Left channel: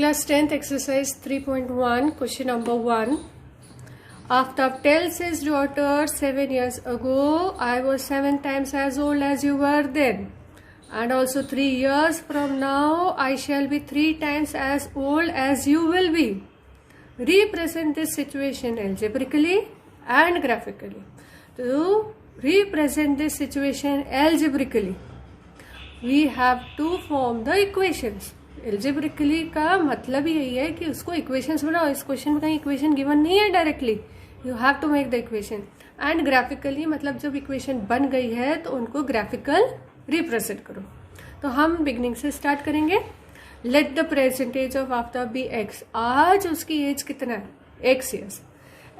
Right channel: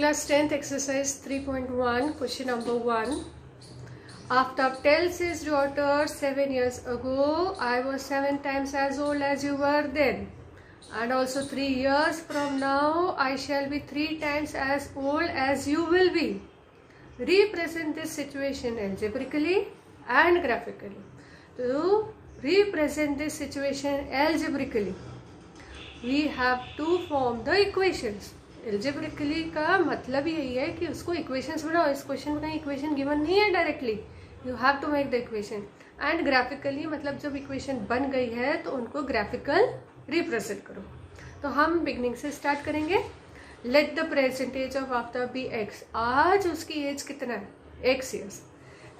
Class 10th exercise 3.1 question number 1. Aftab tells his daughter 7 years ago, I was 7 times as old as you were then. And also 3 years from now, I shall be 3 times as old as you will be. Represent this situation algebraically and graphically. To represent this situation algebraically, we have to form the equations. Algebraically का मतलब ही यही है कि उसको equations बनाओ. इस question में कहीं इक्वेशन गिवन नहीं है directly, you have to make the equation. And graphically मतलब जब इक्वेशन बन गई है तो उनको ग्राफिकल रिप्रेजेंट करो. तो हम बिगनिंग से स्टार्ट करेंगे. Let the percentage of Aftab be x. आज उसकी एज कितना है? X years.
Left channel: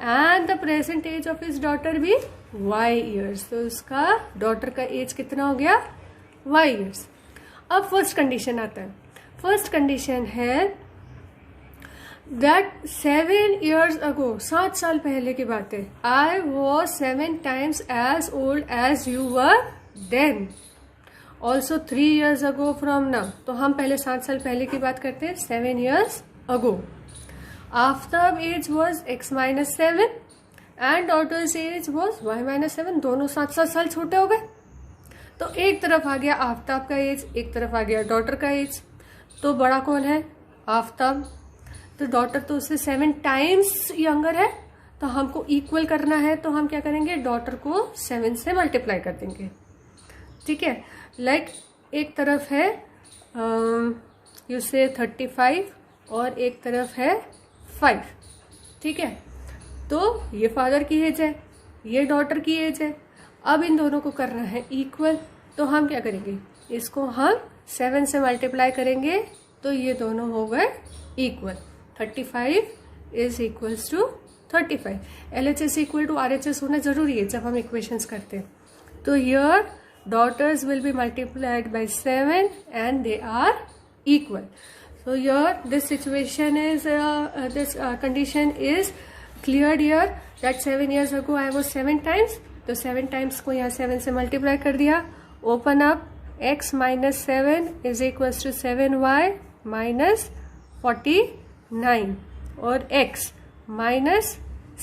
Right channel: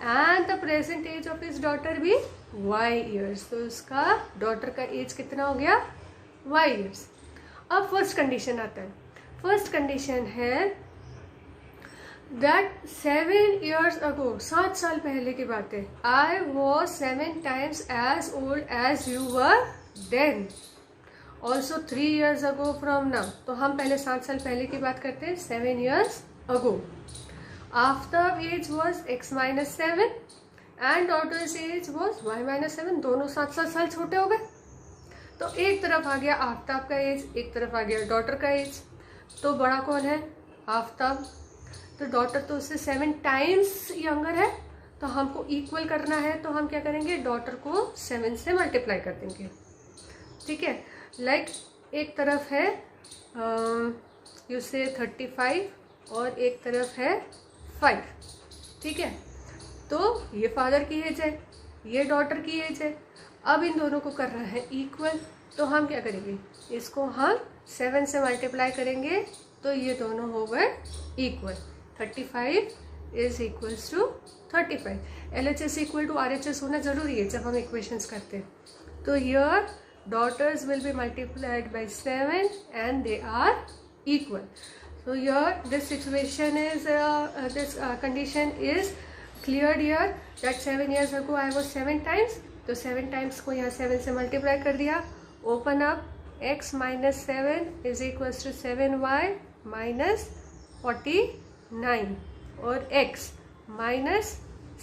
And the percentage of his daughter भी वाई ईयर्स. तो उसका डॉटर का एज कितना हो गया? Y years. अब फर्स्ट कंडीशन आता है. फर्स्ट कंडीशन है दैट 7 years ago, 7 साल पहले की बात है, I was 7 times as old as you were then. Also 3 years ago from now. तो हम पहले 7 साल पहले की बात करते हैं. 7 years ago. Aftab age was x - 7 and daughter's age was y - 7. दोनों 7 साल छोटे हो गए. तो एक तरफ आ गया आफ्ताब का एज, एक तरफ आ गया डॉटर का एज. तो बड़ा कौन है? आफ्ताब. तो डॉटर तो उससे 7 times यंगर है. तो हमको इक्वल करना है तो हम क्या करेंगे? डॉटर को 7 से मल्टीप्लाई कर देंगे. ठीक है. लाइक एक तरफ है यू से 35 और एक तरफ है 5. ठीक है. तो ये फादर की एज है, ये डॉटर की एज है. अब इन दोनों को करना है इक्वल. तो हम क्या करेंगे? इसको हम 7 से मल्टीप्लाई करेंगे तो ये दोनों हो गए equal. 35 is equals to 35. LHS equal to RHS होना जरूरी है जब हम इक्वेशंस करते हैं. तो here daughter's will be multiplied by 7 and they are equal. So here this situation is this condition is cleared here that 7 years ago I was 7 times. तो 7 times को यहाँ 7 से मल्टीप्लाई कर दिया. Open up. x - 7 is equals to 7y minus 49 और x minus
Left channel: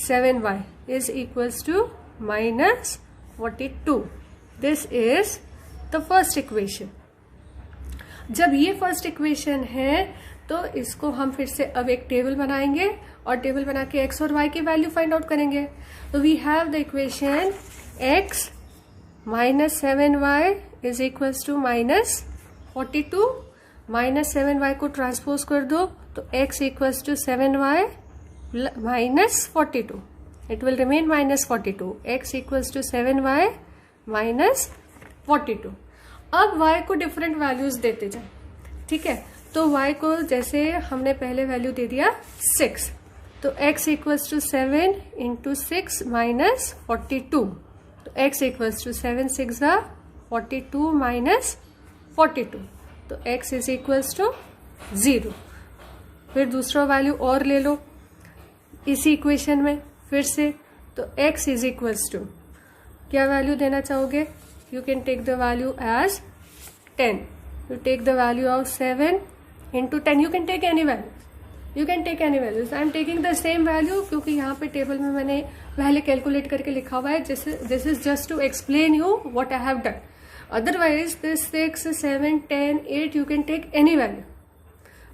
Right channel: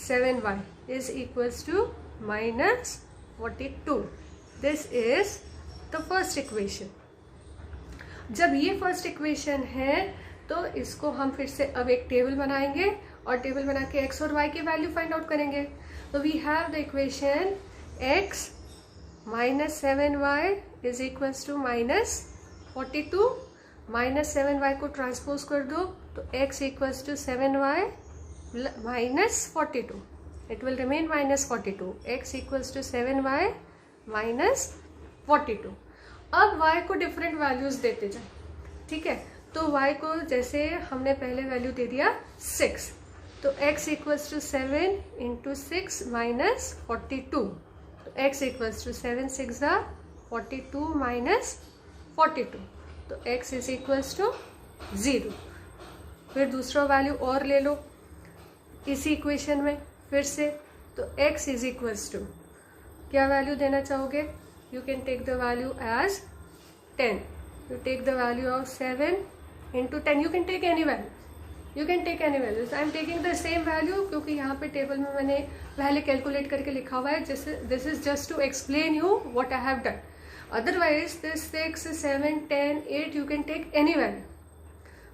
7y is equals to minus 42. This is the first equation. जब ये first equation है तो इसको हम फिर से अब एक टेबल बनाएंगे और टेबल बना के x और y की वैल्यू फाइंड आउट करेंगे. तो we have the equation x minus 7y is equals to minus 42. minus 7y को ट्रांसपोज कर दो तो x equals to 7y minus 42. It will remain minus 42. x equals to 7y minus 42. अब y को different values देते जाए. ठीक है. तो y को जैसे हमने पहले वैल्यू दे दिया 6. तो x equals to 7 into 6 minus 42. तो x equals to 7 6 42 minus 42. तो x is equals to 0. फिर दूसरा वैल्यू और ले लो इसी इक्वेशन में फिर से. तो x is equals to क्या वैल्यू देना चाहोगे? You can take the value as 10. You take the value of 7 into 10. You can take any value. You can take any values. I am taking the same value क्योंकि यहाँ पे table में मैंने पहले calculate करके लिखा हुआ है. This is just to explain you what I have done. Otherwise this 6 7 10 8 you can take any value,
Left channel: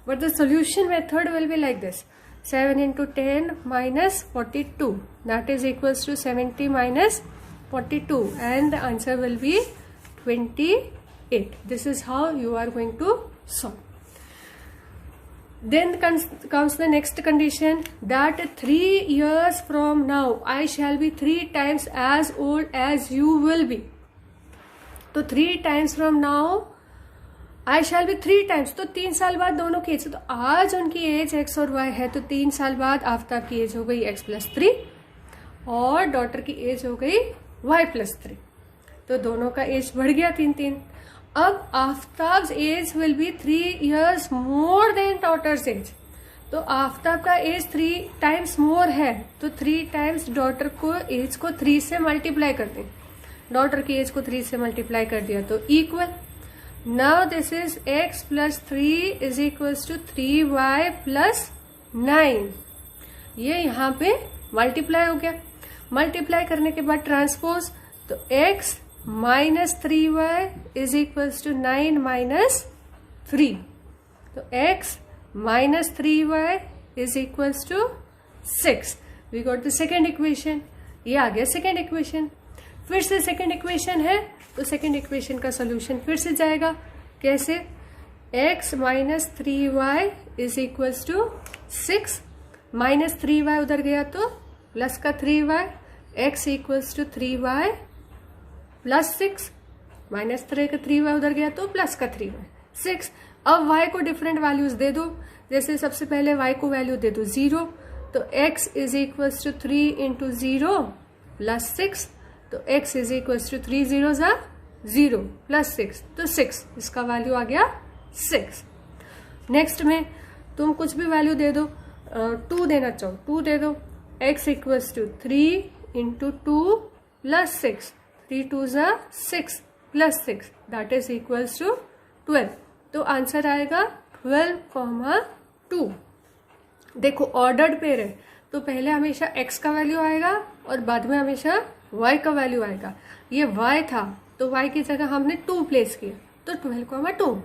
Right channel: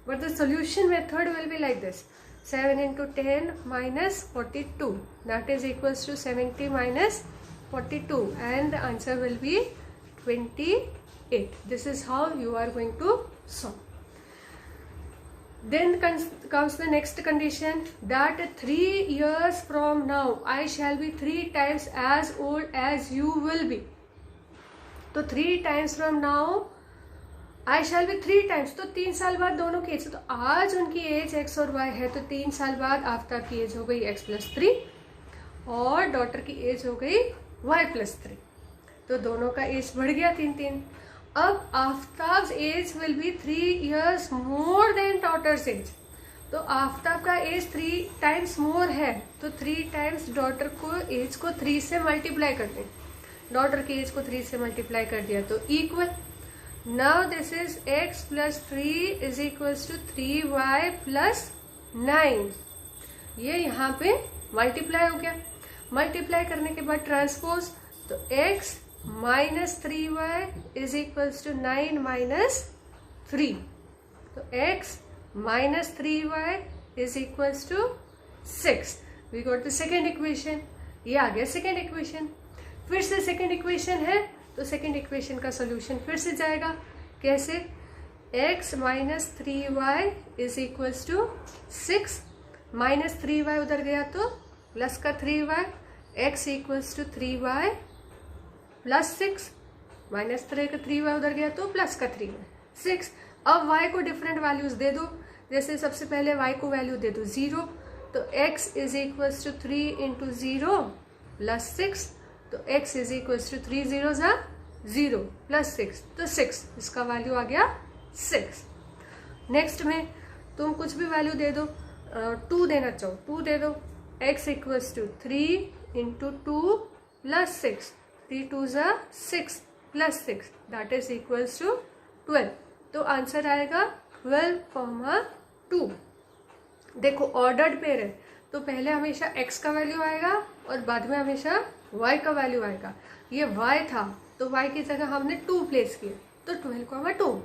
but the solution method will be like this. 7 into 10 minus 42, that is equals to 70 minus 42, and the answer will be 28. This is how you are going to solve. Then comes the next condition that 3 years from now I shall be 3 times as old as you will be. तो 3 times from now I shall be 3 times. तो 3 साल बाद दोनों की as. तो आज उनकी as x और y है तो 3 साल बाद आफ्ताब की एज हो गई x + 3 और डॉटर की एज हो गई y + 3. तो दोनों का एज बढ़ गया 3. अब Aftab's age will be 3 years more than daughter's age. तो आफ्ताब का एज 3 times more है तो 3 times डॉटर को एज को 3 से मल्टीप्लाई कर दें. डॉटर की एज को 3 से मल्टीप्लाई कर दिया तो equal. Now this is x plus 3 is equals to 3y plus 9. ये यहाँ पे मल्टीप्लाई हो गया. मल्टीप्लाई करने के बाद ट्रांसपोज, तो x minus 3y is equals to 9 minus 3. तो x minus 3y is equals to 6. We got the second equation. ये आ गया सेकेंड इक्वेशन. फिर से सेकेंड इक्वेशन है तो सेकेंड इक्वेशन का सोल्यूशन फिर से जाएगा. कैसे? x minus 3y is equals to 6. Minus 3y उधर गया तो प्लस का 3y. x equals to 3y plus 6. Minus 3y उधर गया तो प्लस का 3y 6. अब y को डिफरेंट वैल्यूज दे दो. जैसे सबसे पहले y को वैल्यू दे दो 0, तो x is equals to 3 into 0 plus 6. तो x इज इक्वल्स टू 3 0 ज़ा 0 प्लस 6, तो 6 इसका वैल्यू आ गया 6. नेक्स्ट में तुम कुछ भी वैल्यू दे दो. 2 देना चाहो 2 दे दो. x equals to 3 into 2 plus 6. 3 2 ज़ा 6 plus 6 that is equals to 12. तो आंसर आएगा 12,2. देखो ऑर्डर्ड पेयर है तो पहले हमेशा x का वैल्यू आएगा और बाद में हमेशा y का वैल्यू आएगा. ये y था तो y की जगह हमने 2 प्लेस किया तो 12,2.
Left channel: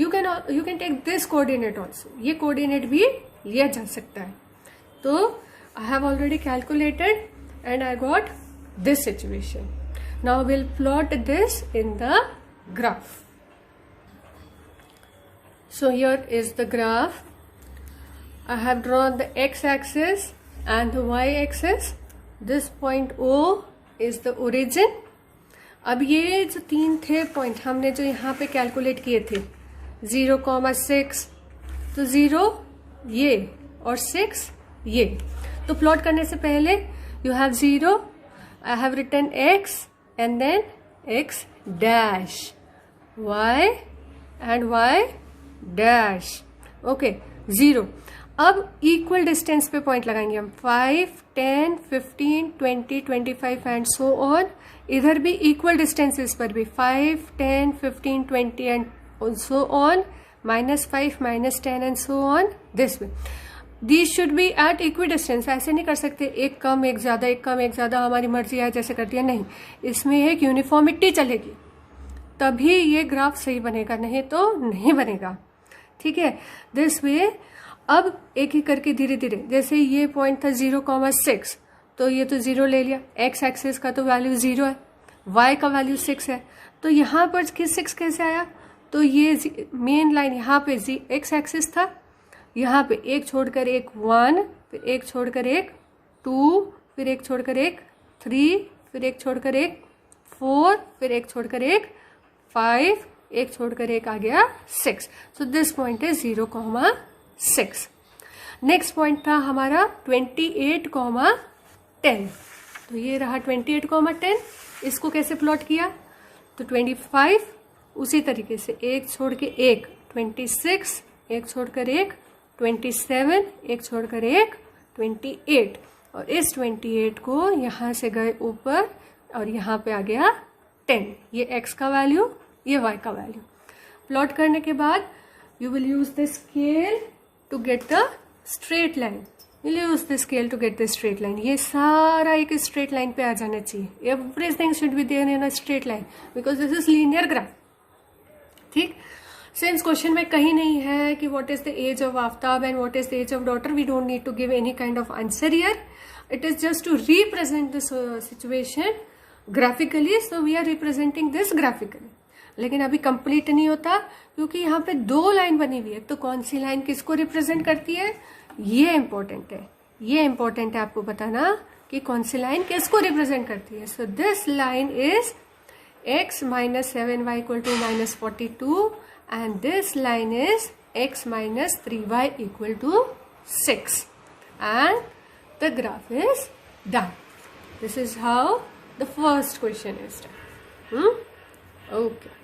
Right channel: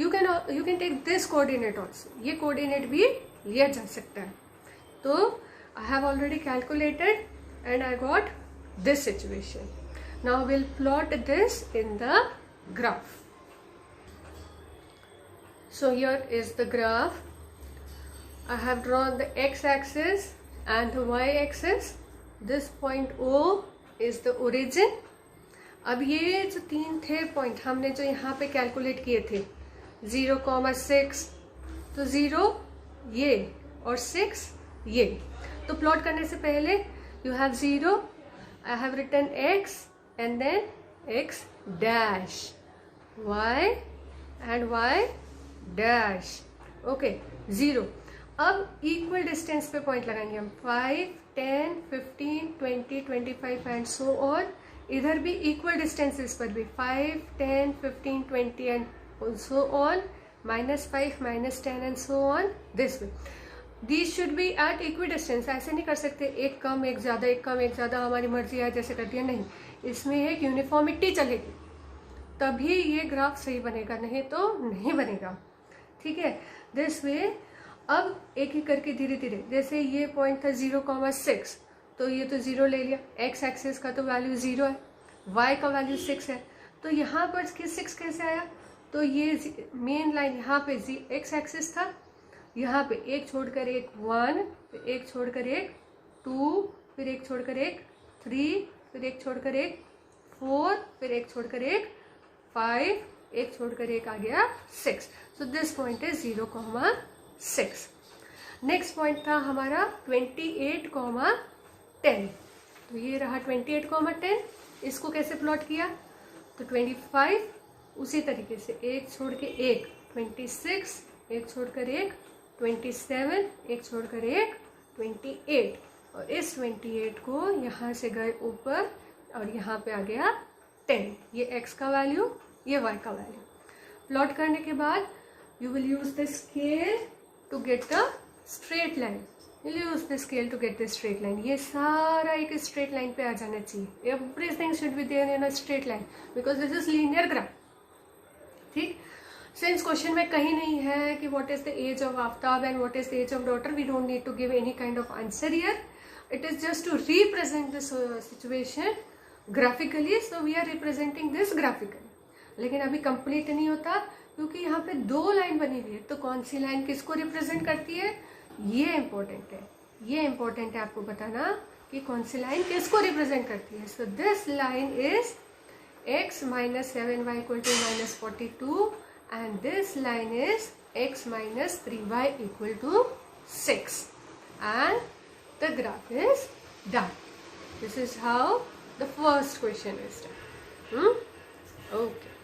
You can take this coordinate also. ये कोऑर्डिनेट भी लिया जा सकता है. तो I have already calculated and I got this situation. Now will plot this in the graph. So here is the graph. I have drawn the x-axis and the y-axis. This point O is the origin. अब ये जो 3 थे point हमने जो यहाँ पे calculate किए थे 0,6, तो 0 ये और 6 ये. तो प्लॉट करने से पहले you have 0. I have written x and then x dash, y and y dash. Okay 0. अब इक्वल डिस्टेंस पे पॉइंट लगाएंगे हम 5, 10, 15, 20, 25 एंड सो ऑन. इधर भी इक्वल डिस्टेंसेस पर भी 5, 10, 15, 20 and so on. -5, -10 and so on this way. These should be at equal distance. ऐसे नहीं कर सकते एक कम एक ज़्यादा, एक कम एक ज़्यादा, हमारी मर्जी है जैसे कर दिया. नहीं, इसमें एक यूनिफॉर्मिटी चलेगी तभी ये ग्राफ सही बनेगा, नहीं तो नहीं बनेगा. ठीक है. This way. अब एक ही करके धीरे धीरे, जैसे ये पॉइंट था 0,6 तो ये तो 0 ले लिया. x एक्सिस का तो वैल्यू 0 है, y का वैल्यू 6 है. तो यहाँ पर 6 कैसे आया? तो ये मेन लाइन यहाँ पे x एक्सिस था, यहाँ पे एक छोड़कर एक 1, फिर एक छोड़कर एक 2, फिर एक छोड़कर एक 3, फिर एक छोड़कर एक 4, फिर एक छोड़कर एक 5, एक छोड़कर एक आ गया 6. So this point is 0,6. Next point था हमारा 28,10. तो ये रहा 28,10. इसको कैसे प्लॉट किया? तो 25 उसी तरीके से एक छोड़ के एक 26, एक छोड़कर एक 27, एक छोड़कर एक 28, और इस 28 को यहाँ से गए ऊपर और यहाँ पे आ गया 10. ये x का वैल्यू, ये y का वैल्यू. प्लॉट करने के बाद you will use the scale to get the straight line. Will use the scale to get the straight line. ये सारा एक स्ट्रेट लाइन पे आ जाना चाहिए. Everything should be there in a straight line because this is linear graph. ठीक. Since question में कहीं नहीं है कि what is the age of Aftab and what is the age of daughter, we don't need to give any kind of answer here. It is just to represent this situation graphically. So we are representing this graphically. लेकिन अभी complete नहीं होता क्योंकि यहाँ पे 2 line बनी हुई है. तो कौन सी लाइन किसको रिप्रेजेंट करती है, ये इंपॉर्टेंट है. ये इंपॉर्टेंट है आपको बताना कि कौन सी लाइन किसको रिप्रेजेंट करती है. So this line is x minus 7y equal to -42 and this line is x minus 3y equal to 6 and the graph is done. This is how the first question is done. Okay.